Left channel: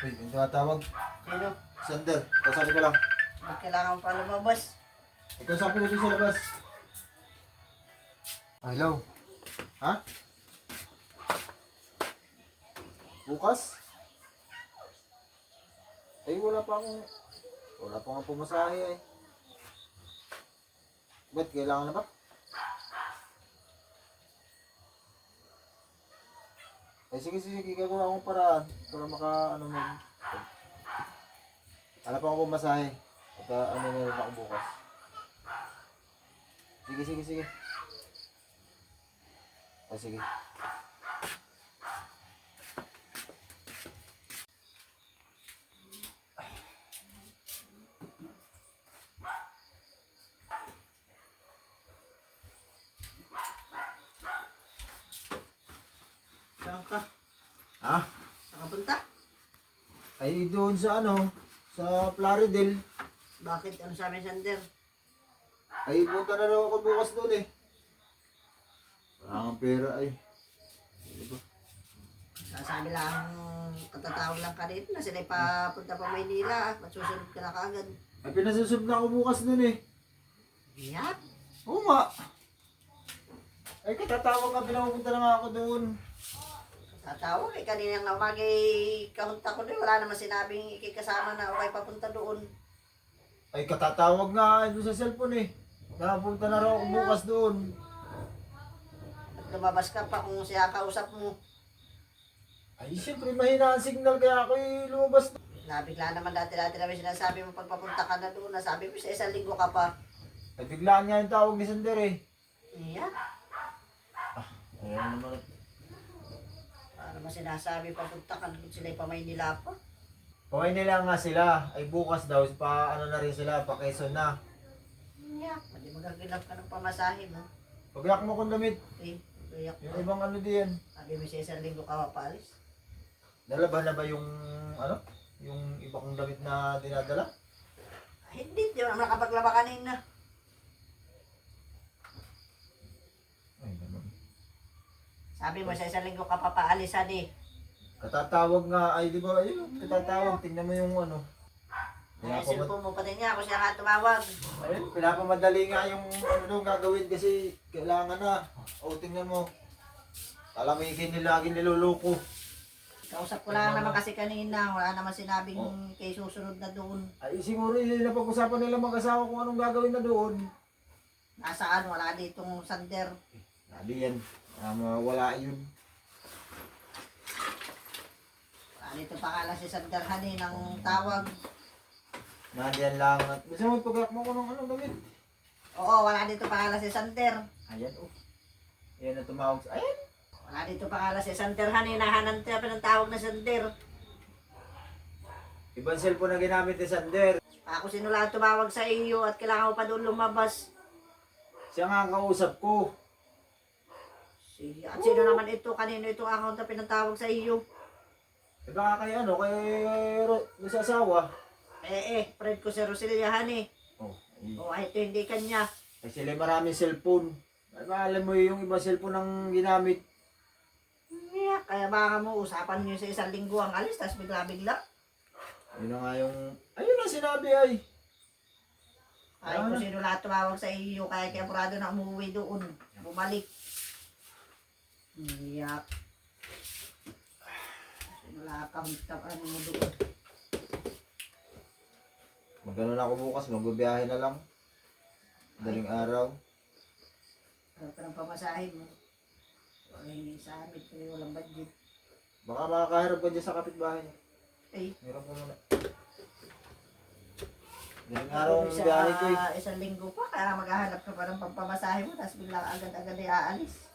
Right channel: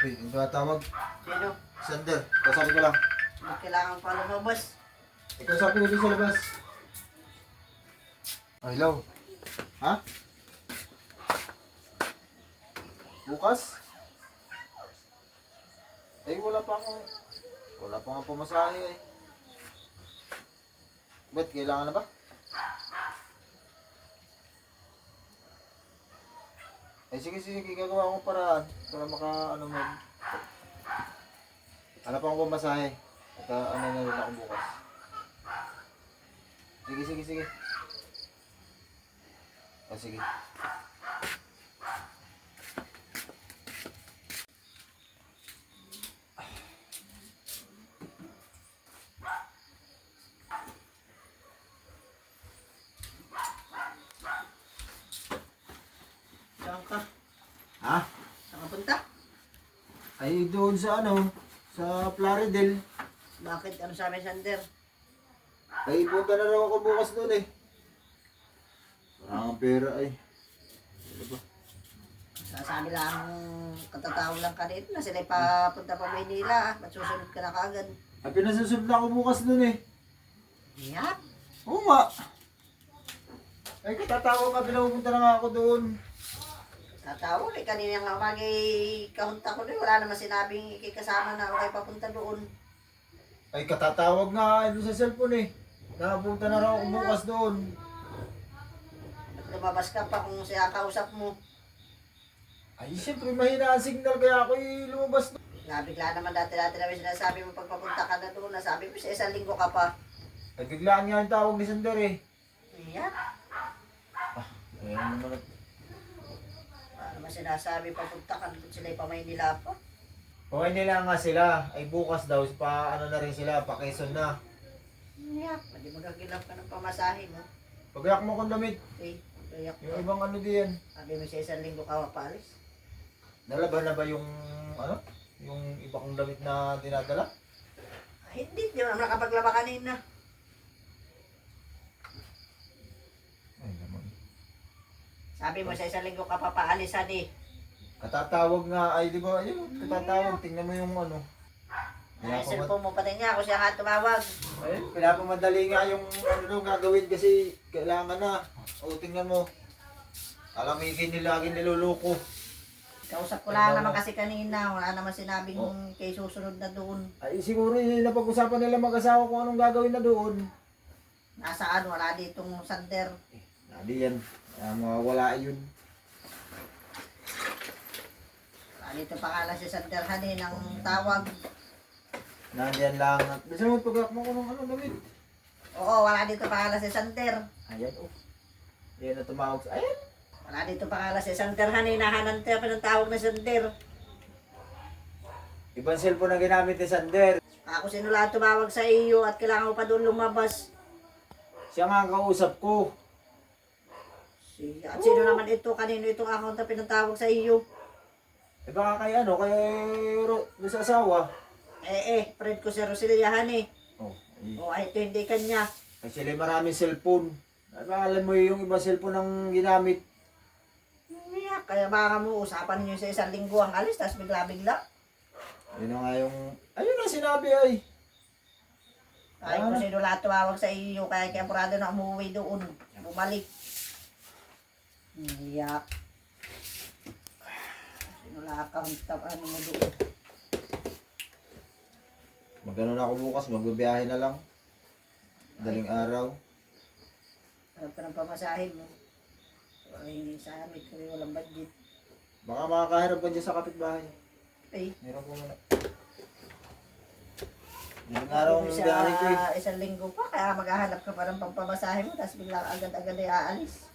Wait, yung tumatawag. Sino? Sander, kasabi ko lang. Ba't kailangan pa lumabas? Ikaw sabi ko dito sa labas. Hello? Ha? Bukas? Ay, wala pa nga pumasahe eh. Ba't kailangan na ba? Ay, sige, gagawa akong paraan para ano pa akong pumasahe. At ano na rin ako bukas. Sige. Ah, sige. Saan ka? Ha? Saan ka punta? Ay, doon sa sa Plaridel. Bakit? Ano sabi Sander? Ay, punta na raw ako bukas doon eh. Wala kang pera ay. Sasabi lang, katatawag lang ka dito na sila'y papunta pa Maynila. Ba't susunod ka na kaagad? Ay, pinasusunod na ako bukas doon eh. Yak! Oo nga. Ay, katatawag ka, pinapupunta na nga ako doon. Tatawag eh. Kanina nga umagay kahunta ko doon. Wala naman sinabing ikikasama na okay papunta doon. Ay, katatawag nga doon sa cellphone eh. Nakapunta na raw ako bukas doon. At lumabas ka pa kung siya kausap mo. Ay, siyempre mahina ang signal kaya ako lumabas doon. Nabigla naman dati-dati namin sinasabi mo pagpapunta ka na doon. Nasabi mo sa isang linggo ka pa. Ay, biglaan nga yung tawag ni Sander eh. Yak! Ayan naman. Wala naman sinasabi papunta ka doon sila'y pa Maynila pa. Okay nila nga sila. Ay, bukas daw, pa ano na rin sila, pa Quezon na. Yak! Hindi magagilap ka ng pamasahe mo. Pagyak mo kung damit. Eh, yak Yung ibang ano diyan. sabi mo sa isang linggo ka mapaalis. Nalaban na ba yung yung iba kong damit na dinadala? Ay, hindi naman nakapaglaba kanina. Ay naman. Sabi mo sa isang linggo ka papaalisan eh. Katatawag nga, ay di ba, ayun, katatawag, tingnan mo yung Ay, cellphone mo pati niya ako siya nga tumawag. Ayun, pinapamadali nga yung gagawin kasi kailangan na. O, tingnan mo. Kalamikin nila laging niloloko. Kausap ko lang naman kasi kanina. Wala naman sinabing kay susunod na doon. Ay, siguro yun napag-usapan nila mag-asawa kung anong gagawin na doon. Nasaan? Wala ditong Sander. Hindi yan. Mawala yun. Wala dito pangalan si Sander Hani ng tawag. Nandiyan lang. Bisa mo pag-aak mo kung anong damit. Oo, wala dito pangalan si Sander. Ayan, oh. Ayan na tumawag sa... Ayan. Wala dito pangalan si Sander Hani. Nahanan tayo pa ng tawag na Sander. Ibang cellphone na ginamit ni Sander. Ako sinula tumawag sa iyo at kailangan ko pa doon lumabas. Siya nga ang kausap ko. At sino naman ito? Kanino itong account na pinatawag sa iyo? Eh baka kay doon sa asawa. Friend ko si Roselia Hani. Oh, Ay, ito hindi kanya. ay sila maraming cellphone. Ay ba, alam mo yung ibang cellphone ang ginamit. Kaya baka mo usapan niyo sa isang linggo ang alis, tapos bigla-bigla. Ayun na nga yung... Ayun na sinabi ay. Ay, kung sino lahat tumawag sa iyo, kaya apurado na umuwi doon. Bumalik. Iyak. Sino lahat ano mo doon. Magano na ako bukas, magbabiyahe na lang. Daling araw. Alam ka ng pamasahin mo. Ay, sa amin kami walang budget. Baka makakaharap ka dyan sa kapitbahay. Ay, Meron po muna. Daling araw ang biyahe ko eh. isang linggo pa, kaya maghahanap ka pa ng pampamasahe mo, tapos bigla agad-agad ay aalis.